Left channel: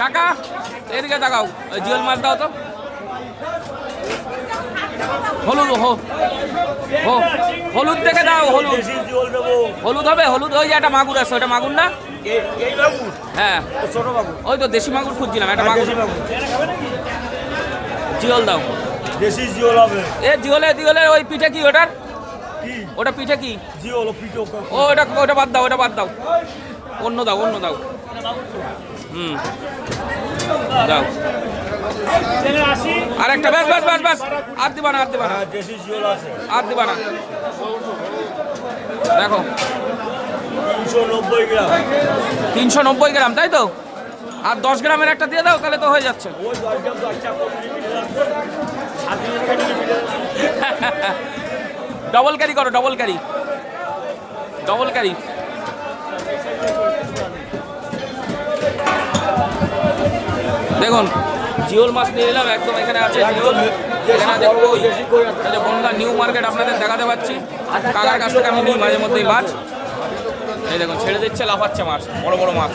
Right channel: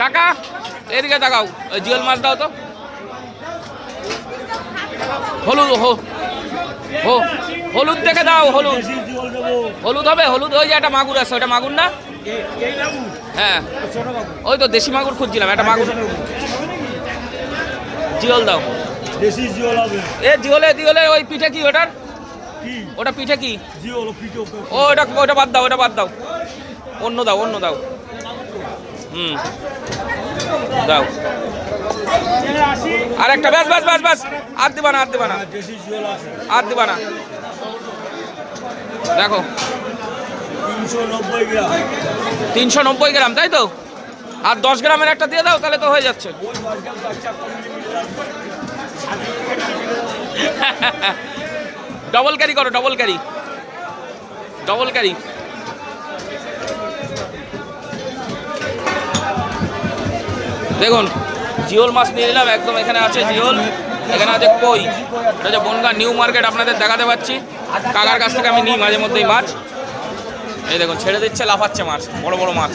কাকা এদিকে তাকাও, ওই জিওল মাছ দাও তো। হলুদ হলুদ দেখে দাও, হলুদ হলুদ হবে, হলুদ। ওই যে একটা মাগুর আছে, ওটা মাগুর না? হ্যাঁ ওই তো দেশি মাগুর খুঁজছিলাম, একটা মাগুর। জিওল দাও, দেশি জিওল হবে। এ জিওলে জিওলে ওই পিঠে কি ওটার? ওটা পিঠে কি? জিওল পিঠে। ও ওটা বাদ দাও, ওটা বাদ দাও, অন্য দাও, অন্য দাও। দাও আর একটা, ব্যাস ব্যাস ব্যাস ব্যাস, আর দিবা না, আর দিবা না, আর দিবা না। দেখো 390 গ্রাম, তাই তো? আর 10 গ্রামের একটা দিয়ে দাও, তাহলে তো হয়ে যাচ্ছে। ডবল ক্যারি করো, ডবল ক্যারি, ডবল ক্যারি। দেখুন জিওল মাছ নিয়ে নিলাম একদম। এখানে আছে জিওল, এখানে আছে কই। এটা যে বনগাঁ নিউ মার্কেট আপনাদের দেখাতে পাচ্ছি। কাকার কাছ থেকে আমি নিই মাঝে মধ্যেই মাছ। এই দেখুন ছেড়ে দিচ্ছে, লাফাচ্ছে মাছ, বড় বড় মাছ।